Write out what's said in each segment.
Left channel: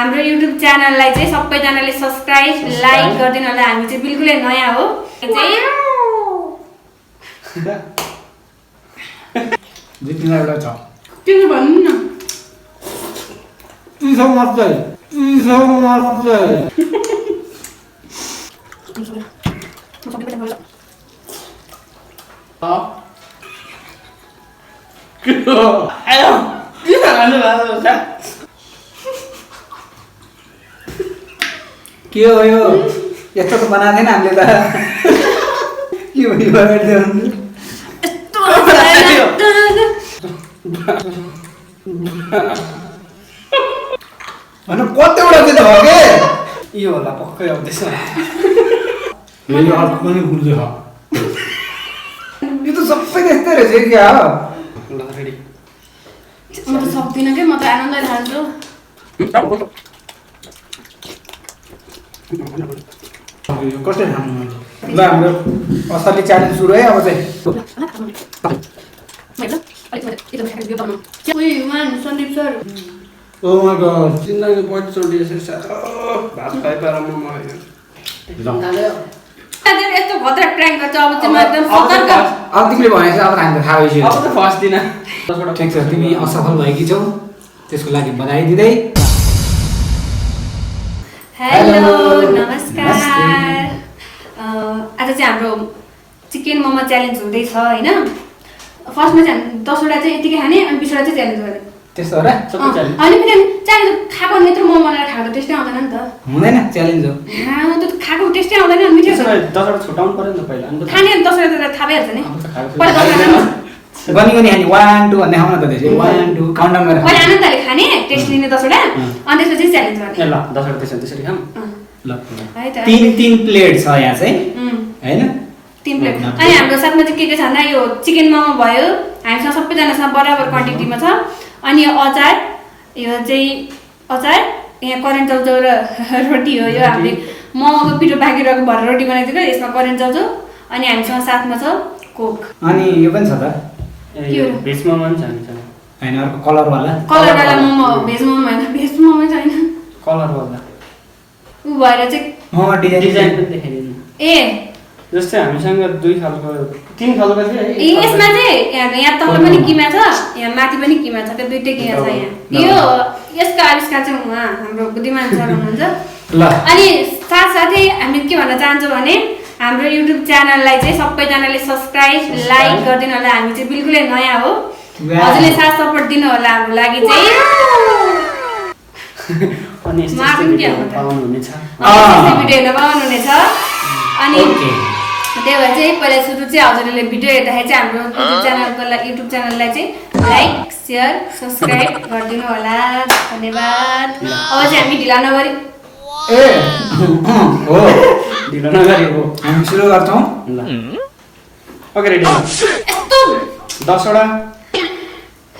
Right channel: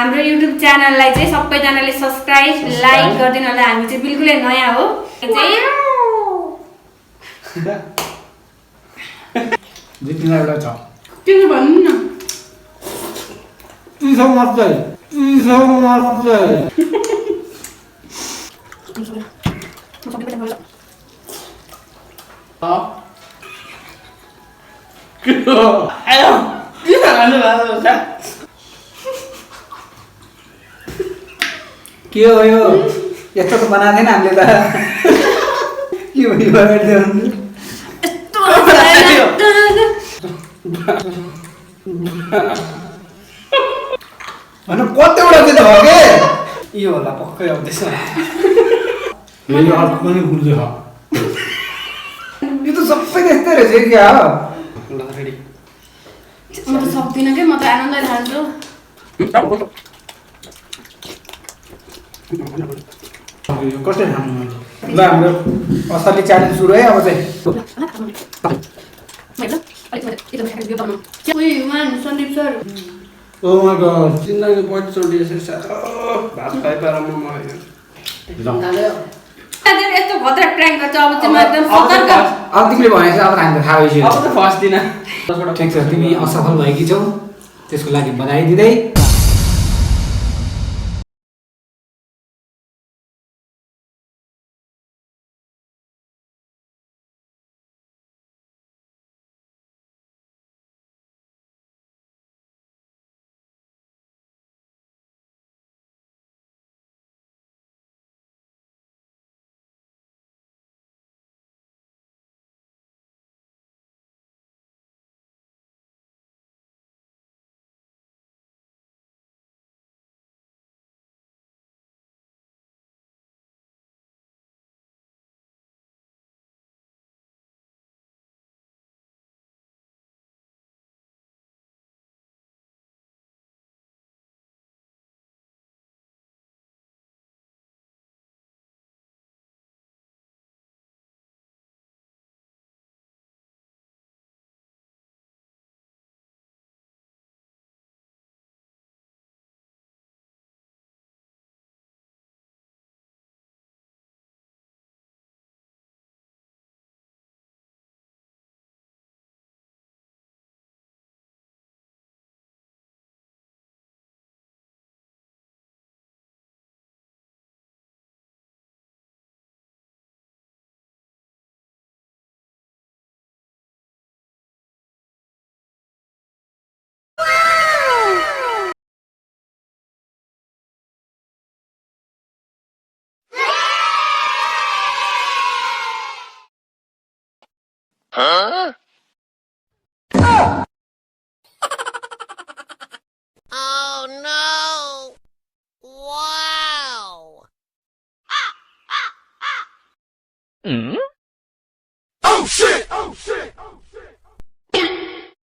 हाम्रो YouTube च्यानललाई चाहिँ सबैजनाले सब्स्क्राइब लाइक गरिदिनु होला। हामी चाहिँ बिल्कुलै नयाँ हो जित्ने एउटा छ के भन्नु न इसो मात्रै के हो यो यस्तो त बनाएको थिएन हामीले त के हो यो होइन कतिवटा चाहिँ हो के यो होला पक्कै हो त्यसमा यो अर्को पनि गुड्दै छ यो त सबै त्यस्तै रहेछ क्या हो ल रेडी म त सक्दिनँ के म त आनन्दले खान्छु यो कसरी खानु ल हाम्रो असली च्यालेन्ज सुरु है अब चाहिँ Sandeep sir oh my god जिन्दगी बहुत छोटी है भात खाइ पाएर म यस्तो भद्रा ट्र्याङ्क गर्छ अब चाहिँ म एकदम सतर्क अब तिमीले भनेको अब हामी त थाहा भइसक्यो अब त फर्स्ट दिन ठिक छ तिमी असफल भएकी छौ त्यसको लागि बधाई दिँदै हेलो नमस्कार आज चाहिँ हाम्रो चिकन मोमो च्यालेन्ज हुँदैछ होइन फर्स्टमा चाहिँ 10 वटा चाहिँ यतिकै खाने अनि 20 वटा चाहिँ च्यालेन्ज गर्ने त्यस्तो हो र सबै च्यालेन्ज अनि फेरि च्यालेन्ज खाएको नेत्र मोमो बनाएर खाएको त टेस्टै आउँदैन नि त हुँदैन च्यालेन्ज हो त्यो खाएको टेस्टै आउँदैन नि मिठो त्यसमा 10 वटा छुटाउनु पर्यो नि त पहिला अनि खाने 10 वटा त थाहा भइहाल्छ नि पहिला 10 वटा गनी गनी हानी 1 2 भन्दै खाउँ न त त्यसै 1 2 काउन्ट डाउन गरेर पहिला आनन्दले खाने टेस्ट लिने 10 वटा अनि त्यसपछि च्यालेन्ज गर्ने ल 10 वटा त्यसरी खाम ल है त 3 प्लेट छ यहाँ चाहिँ हैन 3 प्लेट अनि हाम्रो साथमा चाहिँ के छ भन्दा यो चिकन मोमो भयो हामीसँग सबैजनासँग बराबर क्वान्टिटीमा छ अनि यो अचार यो चाहिँ अचार यहाँ करेन्ट चाउचाउ र रोटी हो यो हामीले मोमोको पिठो बाँकी रहेको भएर रोटी बनाइदिएको यसमा करेन्ट चाउचाउ अनि हामीसँग साथमा छ कोक अनि यो पनि छ त भेज मोमो पनि छ हामीसँग हैन अर्को कलर वाला कलरवाला मोमो भेज मोमो होइन भेज मोमो छैन कलर वाला उ भएर चाहिँ मोमो डिजाइन पनि देखाइदिनु ए जस्तै हामीसँग 2 खालको 3 खालको थियो ए यसमा चाहिँ यहाँ तल पनि किमा छ यहाँ माथि पनि किमा छ त्यो दुईटै किमा छ यहाँ यो यसको आविष्कार चाहिँ उहाँ हाम्रो बुद्धिमान सर हुनुहुन्छ ल अनि साथसाथै हामीले के भन्न चाहन्छौँ भने हाम्रो YouTube च्यानललाई चाहिँ सबैजनाले सब्स्क्राइब लाइक गरिदिनु होला। हामी चाहिँ बिल्कुलै नयाँ हो हजुरले साथ सपोर्ट दिनु होला हाम्रो लागि चाहिँ अनि यस्तो पाउनु हुनेछ भिडियो हेर्न पाउनुहुनेछ अनि त्यही भएर चाहिँ पहिला सुरु चाहिँ हजुरहरूले भिडियो हेर्दाखेरि चाहिँ हाम्रो युट्युब च्यानललाई चाहिँ लाइक सेयर सब्स्क्राइब गरिदिनु होला धन्यवाद। अब चाहिँ हामी ढिला नगरी ए हो ढिलो नगरी हो हामी सुरु गर्छौं ल ओके रेडी 10 वटा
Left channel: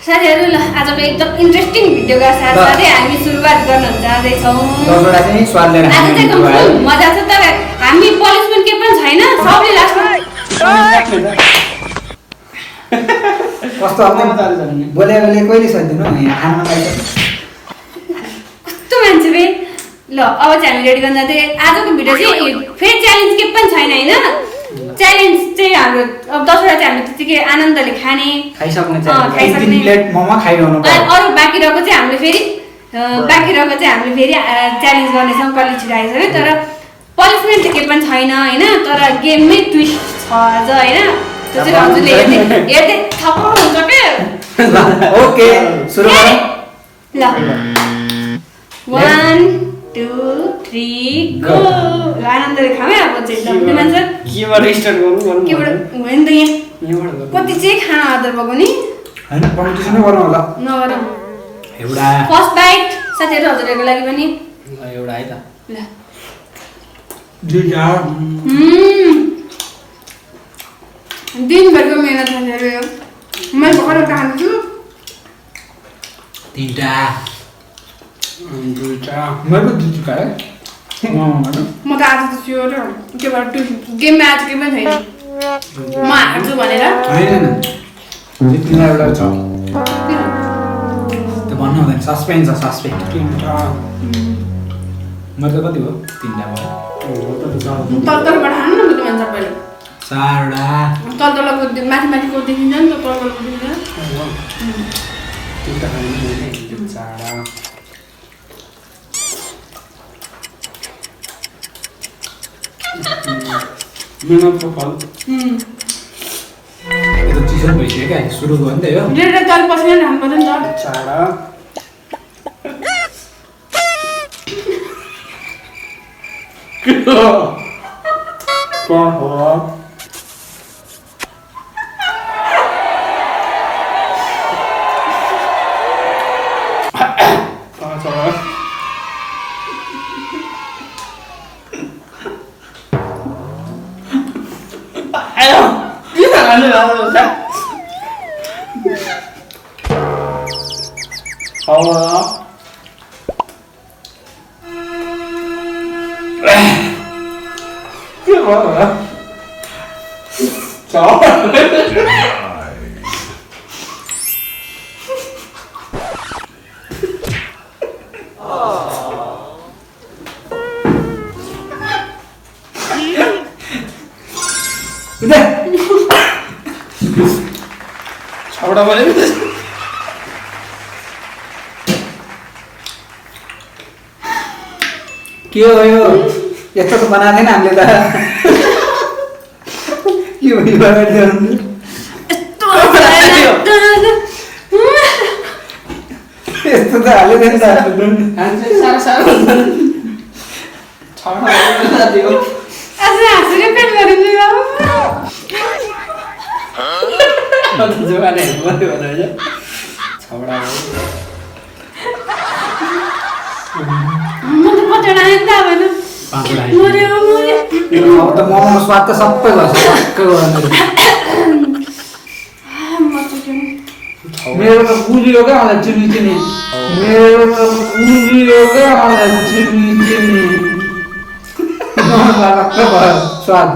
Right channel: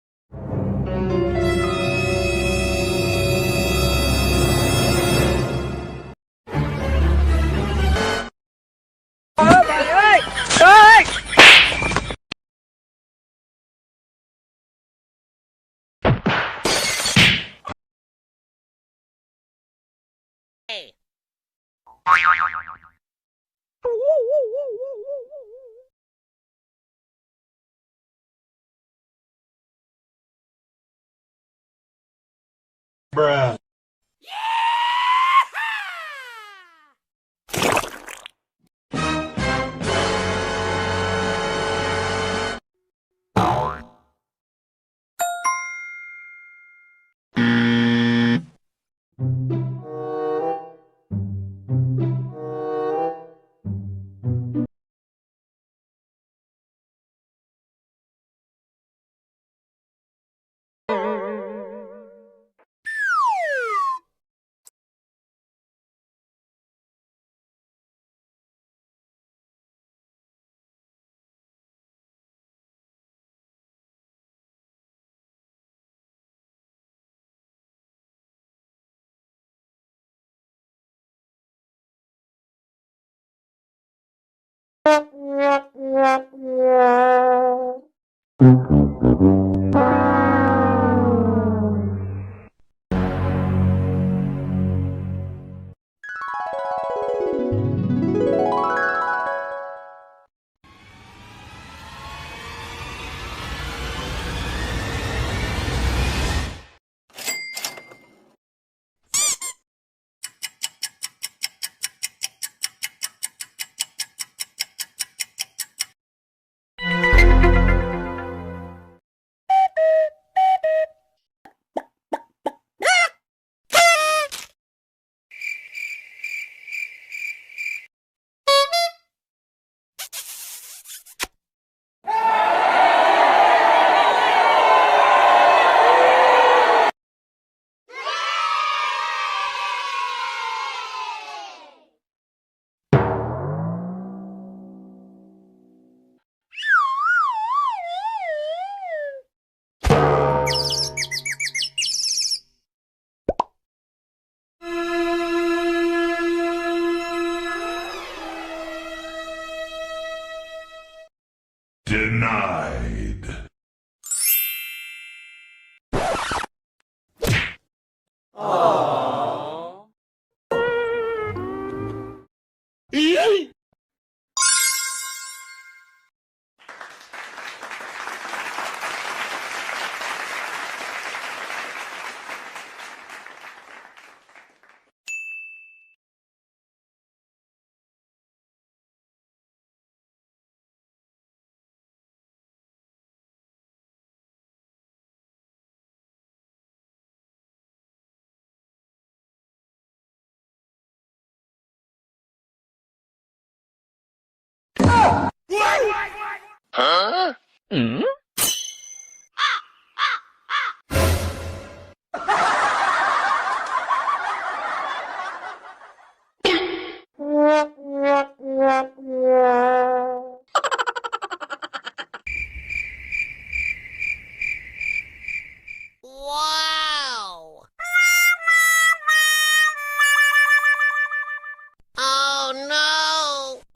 साथीहरु ल आजको एकदम इन्ट्रेस्टिङ भिडियोका साथसाथै हामी सुरुवात गर्न जाँदैछौँ। सबैलाई चाहिँ स्वाद लिएर आज चाहिँ एकदम मजा छ तर हामी पनिसमेन्ट के पनि छैन सबले लास्टमा कस्तो अब बोले कहिले सक्दिनु कस्तो मान्छे बे ल अब चाहिँ हामी रेडी गर्न जाँदै आजको भिडियो चाहिँ फेरि च्यालेन्ज के पनि छैन हैन च्यालेन्ज चाहिँ हाम्रो अब 10 वटा चाहिँ हामीले त्यतिकै आनन्दले खाने खाइसक्ने चाहिँ 3 प्लेट मोमो खाइरहनु पर्यो अरु बाँकी रहेको चाहिँ हामीले फेरि च्यालेन्ज गर्ने संकल्प छिराएको छ तर पनिसमेन्ट के पनि छैन हैन तर गेममै ट्विस्ट छ आज हैन त्यो चाहिँ हजुरले हेर्दै थाहा हुन्छ के ओके सुरु गरौँ ल 1 2 3 गो आनन्दले खामै अब चाहिँ एकदम मान्छ केबाट स्टार्ट गर्नु केबाट होइन त यहाँ कति चाहिँ खाना आदर भएको नि हैन कम्पिटिसनै गरौँ होला नगर एउटा फर्स्ट बाइट साथीहरु हजुरहरूको लागि पनि एउटा है त ल दुईटा दिनभरको मेहनत साथीहरु यो मैले भर्खर खान्छु तीनटा दुईटा मैले दुईटा खाए म त आज त स्योर के भएर गेममा आज के पनि छैन म हार्छु भनेर हैन तिमीलाई एउटा छ त्यो भन्नु हुँदैन सस्पेन्स छ सस्पेन्स मतलब कति भयो? 3 भयो। तलतलबाट हाल्नु न बुद्धिमान सर पहिले 4वटा तलतलको माथि माथिको देखिन्छ नि त तलतलको देखिन्छ यो त चिसो भइसक्यो क्या सुरु भयो नि त यो रेड तल पसेर हाल्नु पर्यो नि त चाडा के हो यो यस्तो त बनाएको थिएन हामीले त के भयो यस्तो त हालेको थिएन मोमो स्वाद त सबै मेरो त बुझियो क्या मलाई चिनी चिनी मेरो त बुझियो क्या मलाई चिनी चिनी स्वाद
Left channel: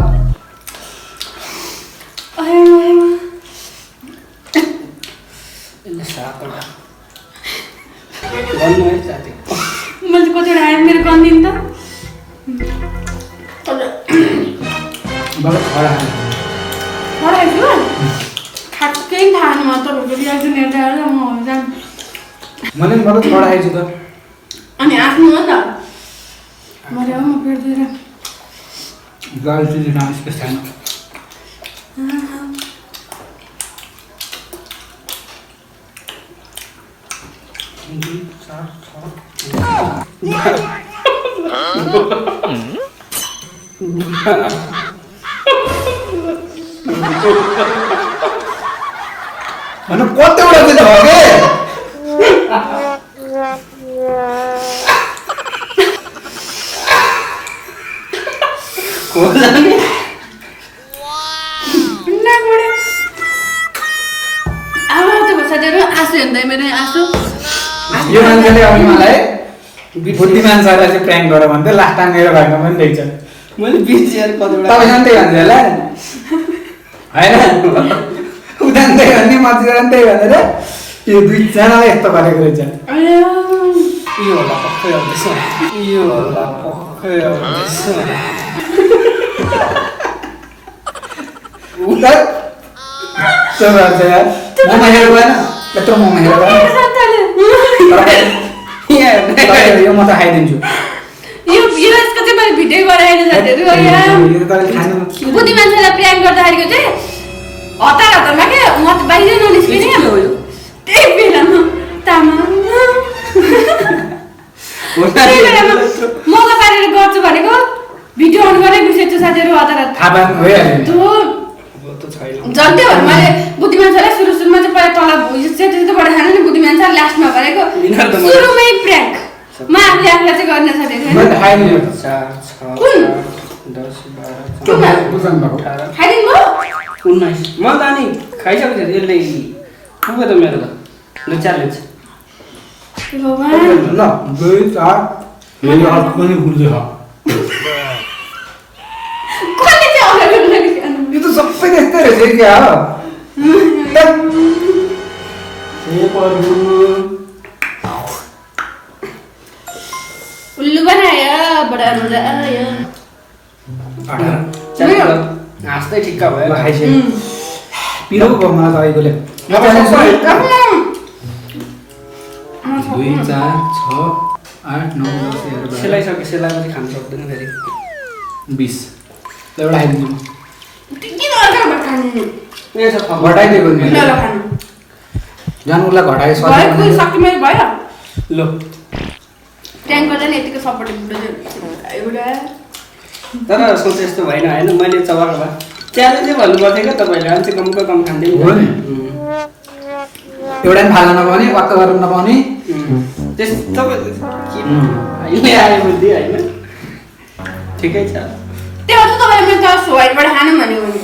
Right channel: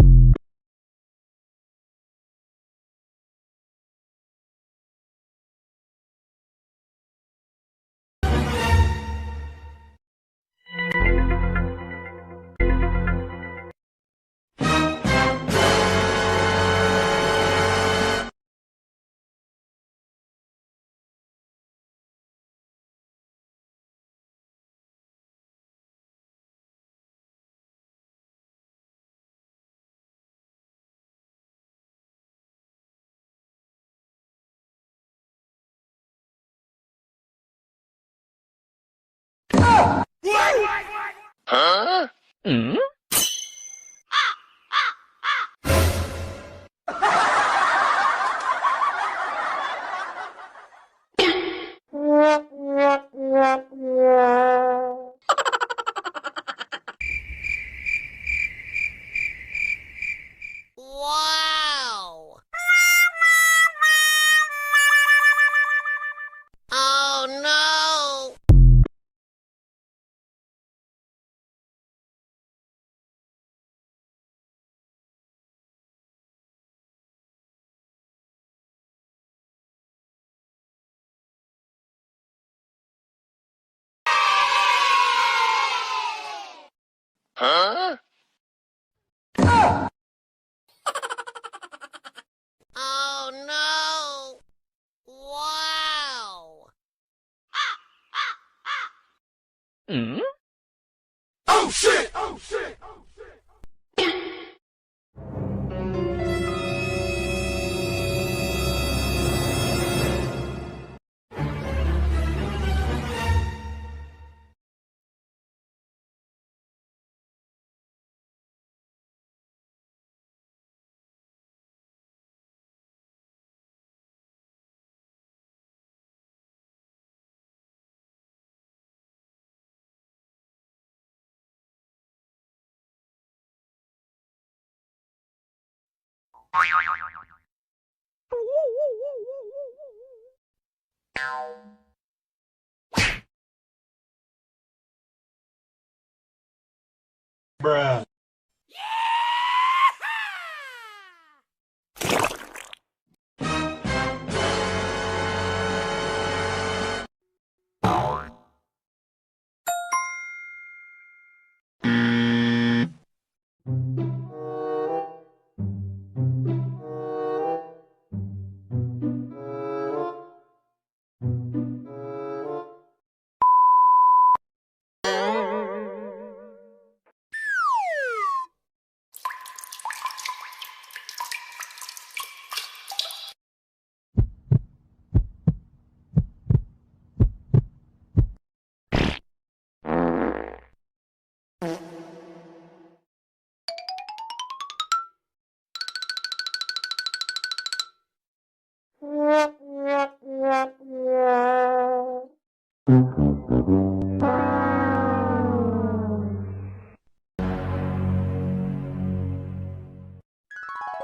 मैले कतिवटा आयो मेरो कन्दिन त केही थाहा छैन म तपाईँको रियाक्सन हेर्दा हेर्दा म जान्छु मैले पनि थोडा आएछु त अनि आफ्नो हो नि त मैले म फेर्दिएर गाडी चिज डान्स के छैन अनि कतिवटा चाहिँ हो यो मान्छेले अब मलाई बुद्धिमान सरलाई चाहिँ प्र्याङ्क गर भन्दै लास्ट टाइम मेरो घरमा पनि देख्छ मैले 20 हजार कतिवटा तपाईँ त्यही भन्छु होला होइन उदान त्यही भन्ने मतिर पनि त्यही भनेर यो दुईजनालाई यस्तो गरेको रहेछ यो होला पक्कै आउँदैछ यो होला पक्कै आउँदैछ उता त्यो भन्छ यार मोमा हेरेर गएन यत्रो मोमा हेरेर गएन यो म त खाइदिन्छु बुद्धि मान्छेलाई प्र्याङ्क गर्दाखेरिको चाहिँ हतार हतारमा क्या म त बाहिर ननिस्किने त्यही बेलामा त्यही बेलामा मौका पारेर गर्छु भनेको भिडियो अन गरेर बिर्सेछु साथीहरू हतार जन्त्यो भने मैले बुद्धि मान्छेलाई सुरुमा चाहिँ पहिला तल सेतोबाट खानु नि बुद्धि मान्छे लास्टमा भनेको सुरुमै प्र्याङ्क म आफूले आफूलाई चाहिँ गर्न साथीहरू खाइदिनु भयो 19 म त अनि खाइसकेको थिएँ यसले पुग्यो त मेरो त ल च्यालेन्ज ल 2 4 मेरो हात पनि फुल्दै छ यो त सबै त्यस्तै रहेछ क्या उल्लु बनायो बडा मजा आयो हाँस्दै ठिक्क भयो ल खाइसक्यो पिरो भयो मलाई त अहिलेले दुई चार छ आठ नौ सेलाइसके सेलाएपछि खानु सक्दैन फेरि 20 ल एउटा खाइदिन्छु किन अर्को खानु यहाँ छ थप घटाइदिएको नि ल मैले ल खानु जानु उसलाई घटाए भयो कुन सक्ति मैले भयो लो ट्याङ्क गर्दा नि यतिको सपोर्ट एउटा तर सोच यस्तो भएन होइन मैले चबाएको भए च्यालेन्जै भन्नुपर्थ्यो क्या तपाईँले अझै कमको कम खाँदै हो नि एउटा पनि फाल्न नपाउने वाक्क गर्न नपाउने त्यस्तो अहिले आयो बुद्धि होइन ठिकै छ त्यो त तपाईँले मैले त सोहाइबाट खानु भनेको नि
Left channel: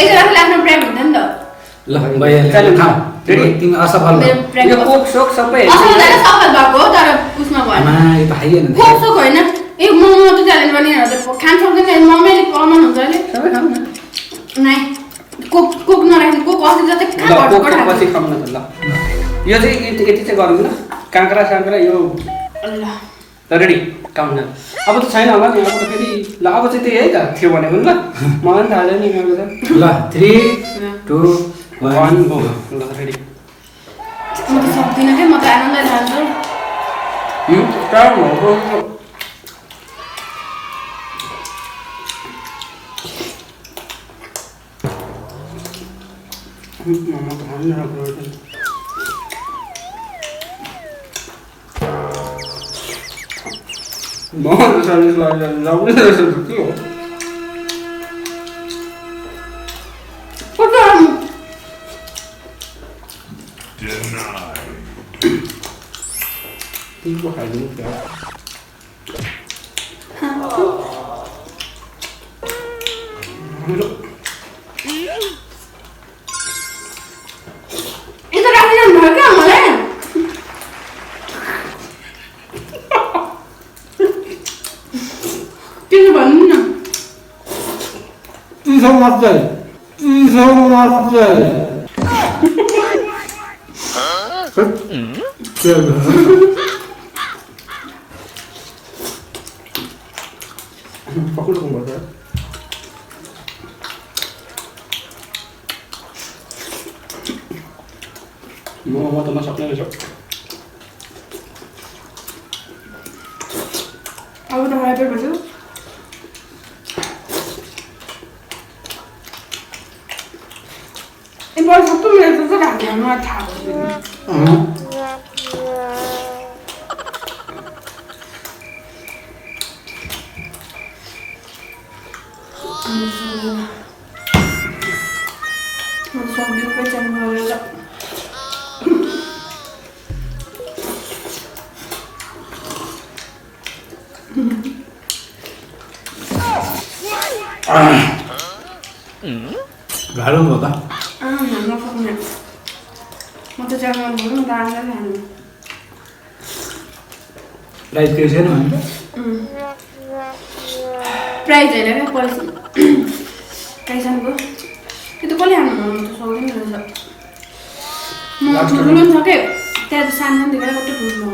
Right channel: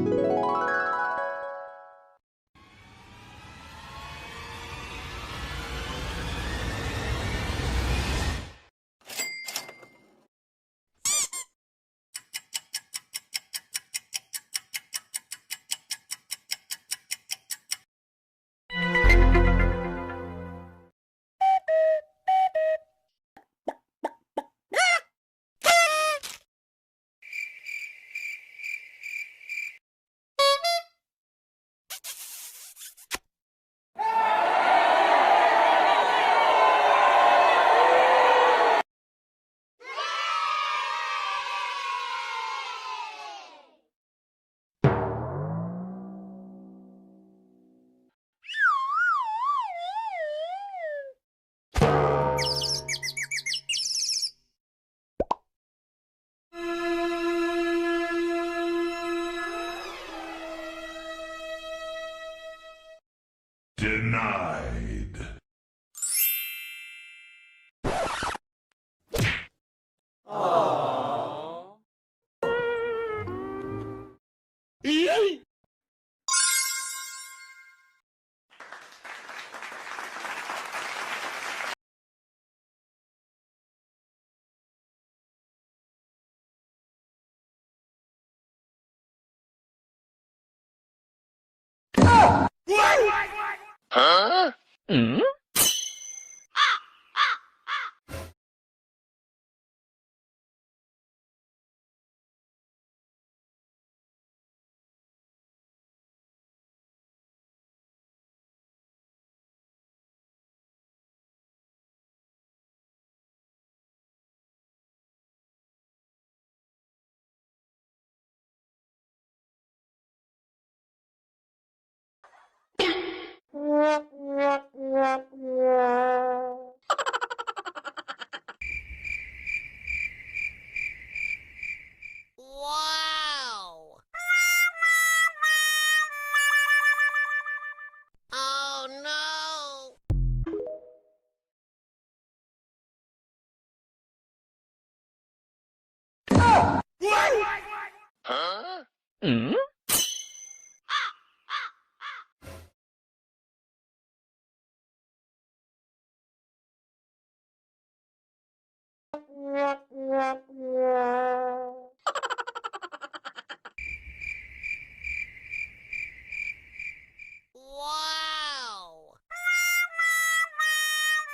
एकजनाले आफ्नो प्रेम हुन्छ नि त ल भइहाल्यो चल खाऊ रेडी तिमी असफल भयो मेरो प्रेम यो कोक सोक सबै असल त सफल भएको हो तर उसमा भएन आमा यो त खाइएन नि कोक सोक होइन ए मोमो त च्यालेन्ज गर्ने खान सक्दैन मम्मीले कमन हुन्छ अहिले सबै खाऊ न नाइ कोक कोक नराख्नु कोक अस्ति जस्तै ल खा कोक पछि खाऊँ न त ल यो चाहिँ यति चाहिँ गरौँ न काँक्रा साँक्रा यो ल ल रेडी खाऊँ न अब त छैन होला नि अब त फेरि ल अब चाहिँ त्यही है त थियो भनेको नि ल मलाई पनि थाहा छैन नि मेरो त ल 3 2 1 हो ल रेडी म त सक्दिनँ के म त आनन्द लाग्छ यो टाइम हो मोमो त खानु राम्रो बहुत सर्भिस लाग्यो जाउँ रहेछ के हो कता तिम्रो खाइदिनु क्या यो त राखिरहनु भयो क्या मलाई के भन्नु न चिसो मात्रै पक्कै पर्छ मोमो त नसक्ने रहेछ अब त मलाई पेट भर्छु ए बल सबै मेरो त राख्नु मलाई थाहा भयो गाह्रो भयो त नसक्ने म त जानु भनौँ दामलाई खानु प्राइस केही छैन भने प्राइज होइन क्या पैसा पैसाको त्यो त कसले खानु म त सक्दैन रहेछ म ठुलो पनि छ के त्यहाँ त सानो देखेर कति ठुलो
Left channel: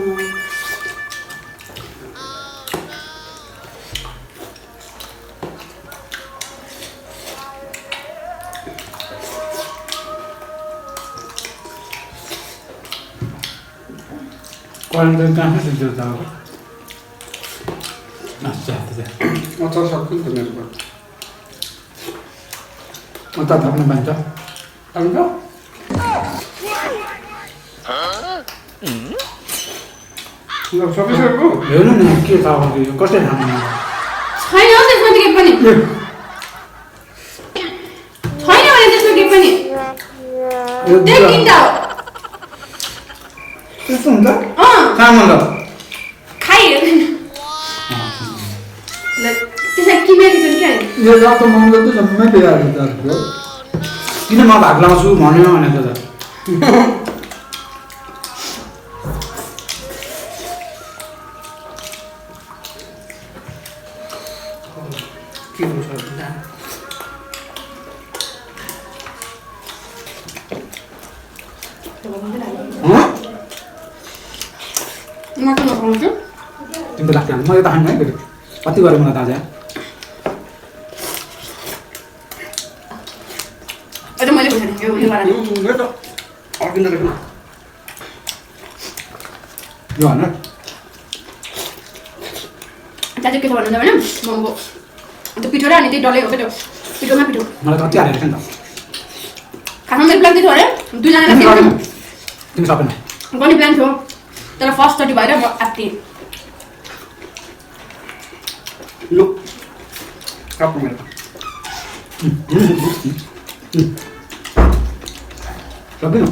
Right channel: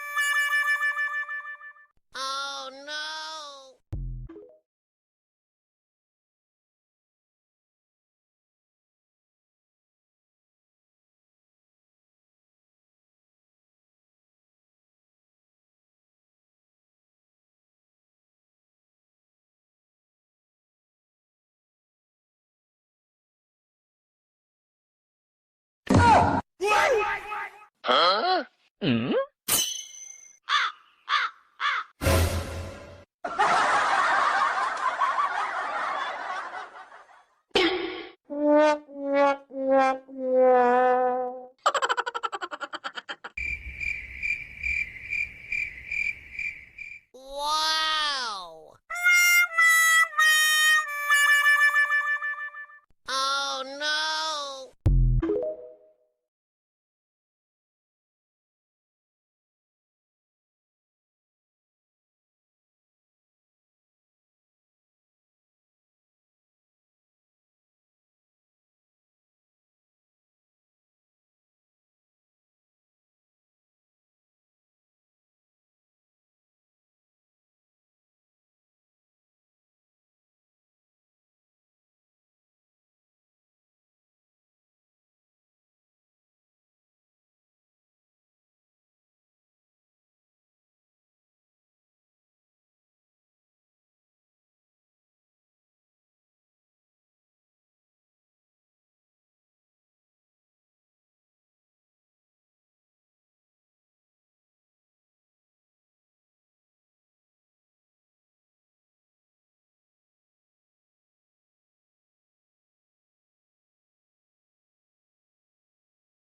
क्वालिटी कहाँ दिन्छ त अब अचार सक्छु नि त मेरो म त थप्न पाइन्छ अन्त ल सकिसक्यो हेर्नु न के छ अब यो कसले खानु छैन हौ त्यसमा त केही पनि छैन भने त्यसमा केही पनि त्यही किन्दा हो त्यस्तो हुन्छ अँ चामल त खाइहेर्दैन त्यसलाई किनेको छ क्या यो रातो महँगो त जम्मै बिगार्यो त किन म भाग लाउँछु भन्यो भनेको त के हुन्छ म त नखाउँछु तिमी त लाग्छ मलाई त खानु है फेरि कति गऱ्यो मलाई ताजा अझ मैले खोजेको यो वाला यो त अर्किँदो रहेछ यो होइन दाजु के छ भन्नुहुन्छ भने मोमोको त्यो पिठो र अनि त्यही डल्लै हो क्या त्यो पिठोमा पिठो मलाई त कति हालेको छ नि त खासमा मेरो प्लान थियो अरे दुईजनालाई थियो तिमी सबै गर्ने प्लान थियो तर फर्स्ट चोटि भएर म आत्तिएँ लो काप्नु मेरो सक्दैन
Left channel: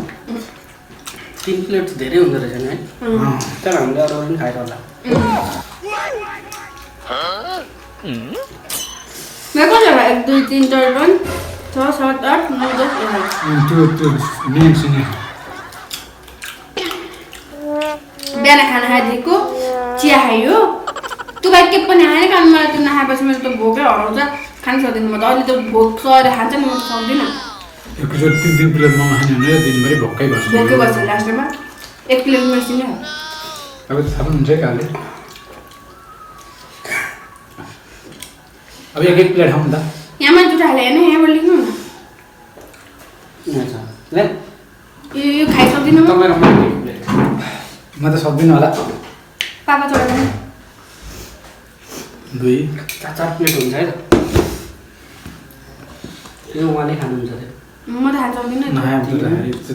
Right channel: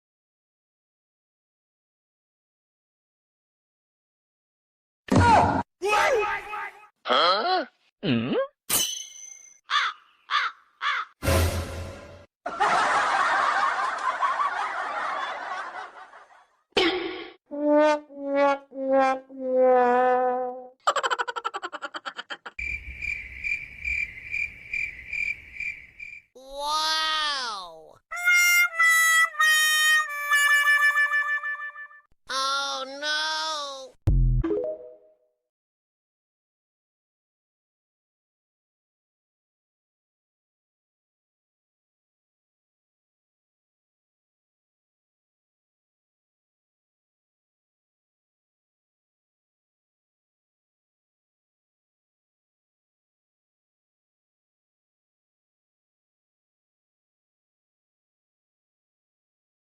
3 प्लेट धेरै हुँदो रहेछ नि है तर हामीले अरू पनि खाएर होला मेरो कति होला 1 2 3 4 5 6 7 8 9 10 त्यो मेनसँग बिहान खाना खाइदिएको चिया खायो त्यो बाहेक के पनि आएन कारण मलाई त्यो नखाएपछि मेरो त भोकै हराउँछ खान सक्दिनँ म त अहिले त भोक सरेर खान्छ नि म त सक्दिनँ एकचोटि 3 प्लेट मोमो खाने भने दिनभरि भोकै बस्छ भोकै बस्छ लास्टमा 1 प्लेट मेसिन अब त थाहा हुन्छ काले अब एक प्लेट खाऊँ त यहाँ मैले जुटा हालेँ होइन यहाँबाट लेख्नु न ले यो खाइसक्दिनँ म तपाईँ रमाइलो प्लेट म त सक्दिनँ होला पापा छोडेर 2 4 प्लेट हुन्छ है त यो उहाँले खानुहुन्छ अरे म त खान सक्दिनँ नखाए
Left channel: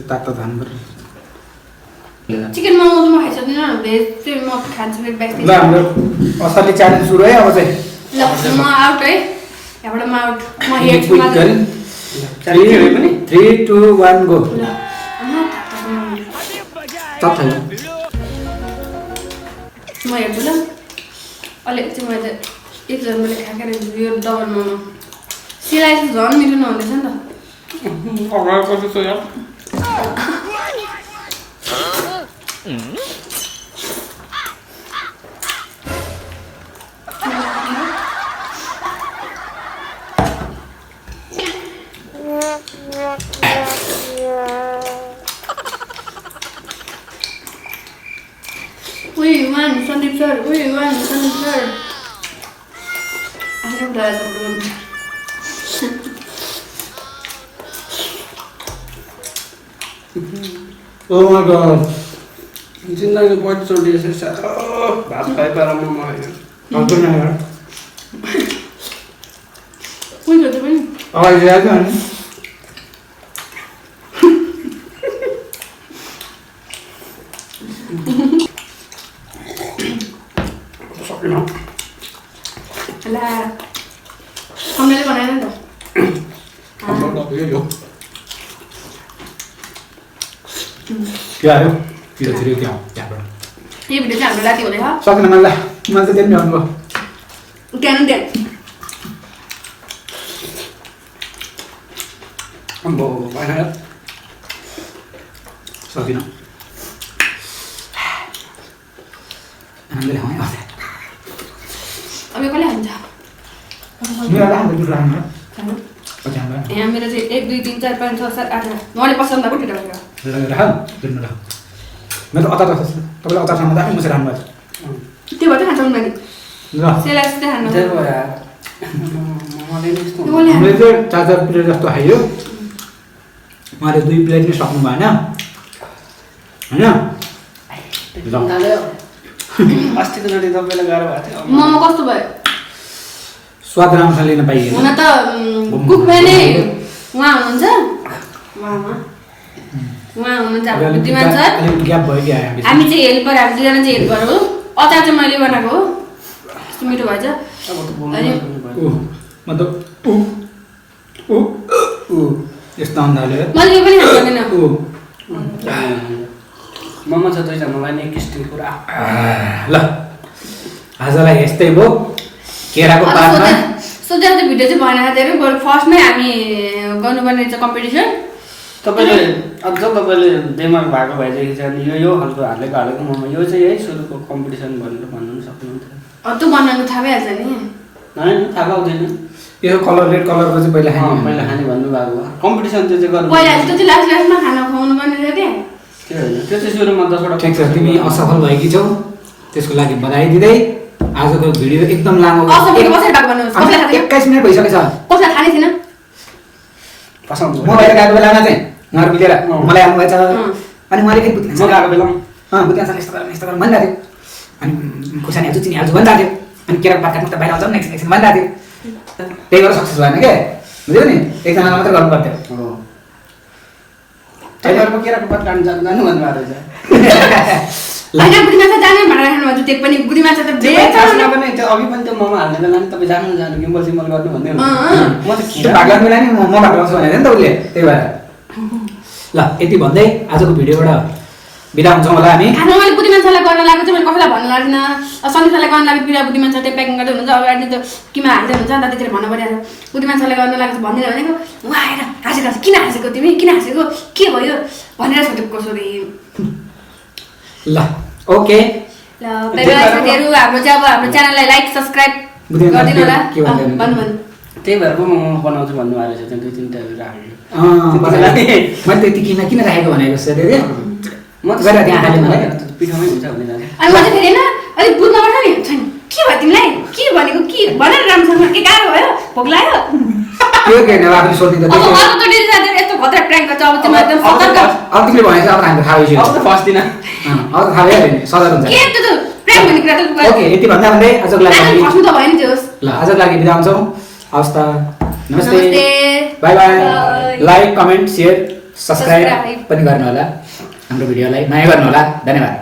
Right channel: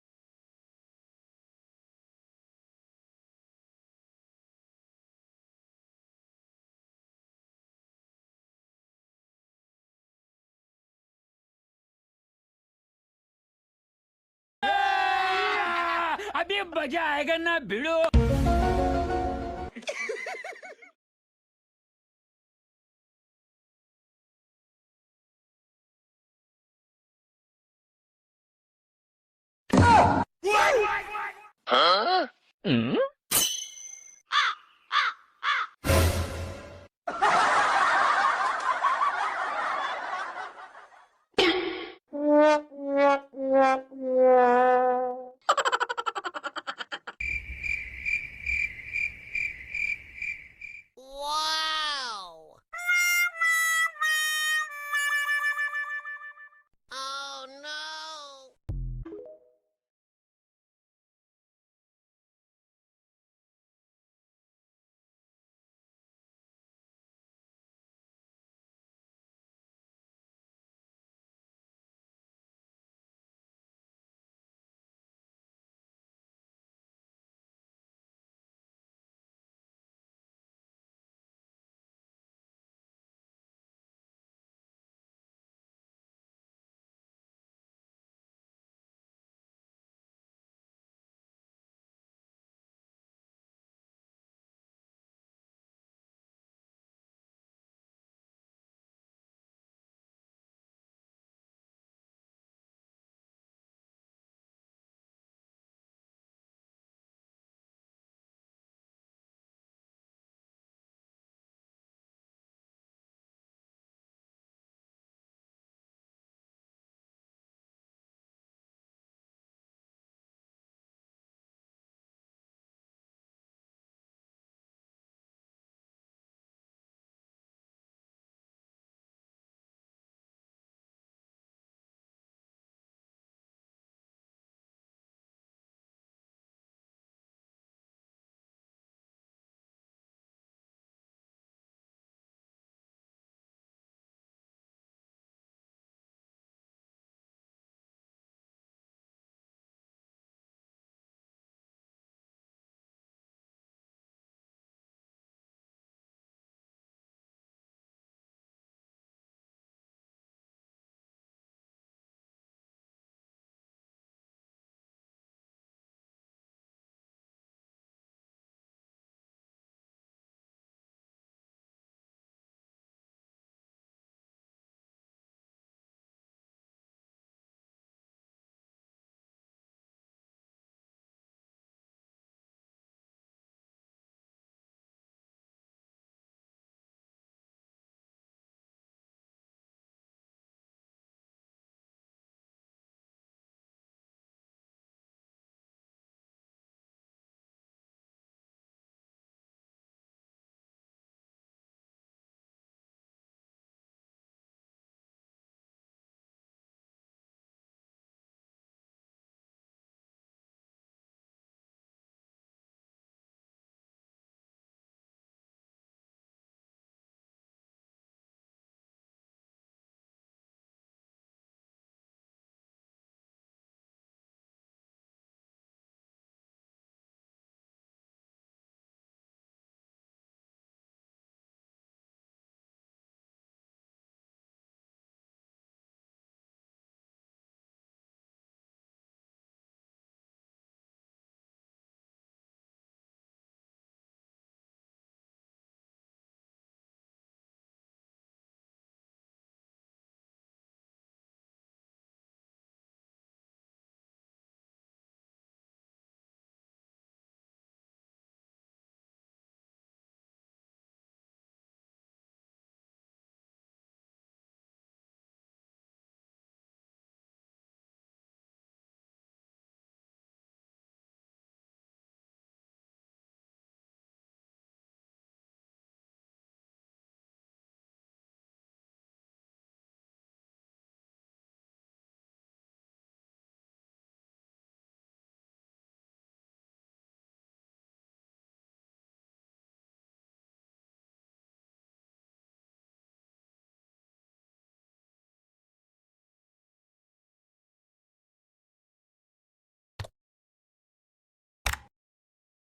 तातो खानु पर्यो चिकन मोमो त म खाइसक्दिनँ भेज चाहिँ म खान्छु फेरि ब्याक ल हाम्रो असली च्यालेन्ज सुरु है अब चाहिँ ल म आउट है यहाँबाट म आउट म हेर्छु मात्र 3 2 1 गो म हेर्छु ल अलिक चाहिँ मैले एकजना मैले खाएकै रहेछु यो डबल मोमो सिलाइ चाहिँ झन् मिठो नहुँदैछ नि त अगाडि कति छ यार उही वान सन्दीप सर उही वान Sandeep sir oh my god जिन्दगी पहिलोचोटि यसरी साह्रो भात खाइ पाएर मोमो खायो हजुर न यार कुन छ त्यो पनि अगाडि ल्याएको अनि सकिन ला हामीले बनाएन नि त यो के आयो तिर क्या त्यहाँबाट यो भिडियो चाहिँ हाम्रो राति हुँदैछ सक्दैन मलाई मैले त त्यही भन्नुभयो त्यहाँ त्यहाँ अम्बो भएन सकिन हामीले खाउँ है अब यो कसले खान्छ मेरो राख्नु दुध राख्नु खानु। पछि हाम्रो यहाँ मेरो चाहिँ 1 2 3 4 5 6 7 8 उहाँले पसन्द भएको ठिटा भएको राख दुध राख मेरो अचार तपाईँले अचारसँग दामी मुसेर राख्नु भएको त्यो भएर खान्छ उनीहरूले ल सेलास चाहिँ खानु त्यही भयो यार मोमोले नि यस्तो त्यो कसले हामीले खान्छ चाहिँ 4 प्लेट जस्तो खायो उहाँले 2 प्लेट नै सक्नु भएन होइन अस्तिको चोटि तपाईँलाई गाह्रो भएको थियो मोमो कस्तो भयो स्वाद राम्रोसँग लिन पाइएन हुन त कुकमा नै उहाँ हुनुहुन्छ उहाँ हुनुहुन्छ हाम्रो बुद्धिमान सर अलिकति ग्याप भयो कि आयो हामी चाहिँ हेल्पर हामी दुईजना चाहिँ हेल्पर हो अचार चाहिँ मैले बनाएको हो यस्तो मिठो भएछ अब त बोल्नु अनि भयो। ऊ मतलब ऊ यस्तो अन्दाजले मैले यो पनि खानु सक्दिनँ ऊ मोमो छ दुईजनालाई नि एक स्टिल पुरा ल आजलाई यस्तै भयो केराको पातमा सोचेर त्यो भिडियो चाहिँ भएन धेरै बरु फर्स्टमै हामी गर्नुपर्ने रहेछ कम्पिटिसन तपाईँले अझ तपाईँले दिमाग भएको भएदेखि चाहिँ यो खालको हालेको मोमो यो चाहिँ यही सुरुको कम्पिटिसन भनेर भन्नु पनि सक्नुहुन्थ्यो त्यो बनाउनु थाहा भइहाल्छ नि होइन थाहा पाउँदैन यो कलर रेड कलरको चाहिँ पहिला खाने पहिला खाने भन्नुभएको हो कम्पिटिसन त्यो चाहिँ गर्नु पहिला त्यो चाहिँ लास्ट लास्टमा खाना खुवाउनु पर्ने थियो त्यो होइन त्यो चाहिँ सुरुमा 10 वटा ठिक छ तिमी असफल भएकी छौ त्यसको लागि बधाई दिँदै आजको भिडियो एकदम लामो असमित कसरी भएको भन्नुहोस् कसलाई थाहा छैन 21 मिनेट भइसकेछ कसलाई थाहा नै छैन पसाउँछु म बाहिर गएको बेलामा चाहिँ उहाँहरू मिलेर मलाई आउनुभएछ अनि उहाँले फेरि बुझ्नु म गएको बेलामा बुझ्नु यस्तो गर भनिरहेको थियो अनि खुर्सानी हाल्छु चिनी हाल्छु भनिरहेको थियो अनि केरा पात काट्नु त बाहिर आउँछ नि एकछिन भनिरहेको थियो त्यही भएर सक्सेस भएन के बुझ्यो नि एकजनालाई मात्रै गर्नु पर्थ्यो त्यही भएर म केराको पात काट्नु जानु भन्नुभएको रहेछ होइन बुढी माछा जाने भनेर राख्नुभएको त्यो पनि बुढी माछा त खासमा पनि त्यो अघि पनि त्यो मोमो हाल्ने बेला नि तपाईँ जानु गिम्बल सिम्बल गर्नु भन्दै म त त्यो भाग लाग्ने बेला नि म भाग लाउँछु भनेर नि त उसले त्यही भएर ल यति भन्दै आजको भिडियोबाट बिदा हुन्छौँ होला हामी खाना मैले बुढी मान्छेलाई गर्न लागेको चाहिँ मैले कसैलाई भन्नु लाग्दिनँ सन्देशलाई गर्न लागेको बिरा बुढी मान्छे त्यो प्याकिङ गर्दै हुनुहुन्छ अगाडि त्यो किमा हाल्दै हुन्छ अन्त त्यतिर भन्नु परिहाल्छ बुढी मान्छेलाई गर्न लागेको भनिदिएर भनेको उहाँ आएर हाँसेको किन हाँसेको तिमी किन हाँसेको के भयो भनेर सोधेको कसरी ल ओके ल बाइ बाइ साथीहरू हाम्रो चाहिँ अब हाम्रो च्यानललाई लाइक सब्स्क्राइब गरिदिनु होला भन्नु त्यही भएर म बनाउँछु भन्नुभएको रहेछ त्यो 2-3 टा मैले त्यति किन राखेको भनेको छ अरे म त गएर त्यहाँ हाल्यो मलाई पिठोमै हुन्छ भनेर अनि म चाहिँ फेरि होइन अलिक बुझ्नु पर्छ नि छैन के भयो तिमीलाई के भनेको के भनेर राम्रोसँग के गाह्रो भयो भोक लाग्यो त्यो के होइन आफूले सोध्नु त अब अर्को त डेली साथीहरू यस्तो खतरा प्र्याङ्क गर्छ अब तिमीलाई एकदम सतर्क अब तिमीले भनेको अब हामी थाहा भइसक्यो अब त फस्दिन अब त थाहा भइहाल्यो नि सदर हुन्छ के त्यो प्र्याङ्क भन्ने कुरा त ओके यति भन्दा भन्दै आजको लागि आज फस्नु त भयो नि त्यो ल आजको लागि बिदा हुन्छौँ हवस् त नमस्ते by by like comment share subscribe पनि गर्नु होला हाम्रो भिडियोलाई माया गर्नु होला धन्यवाद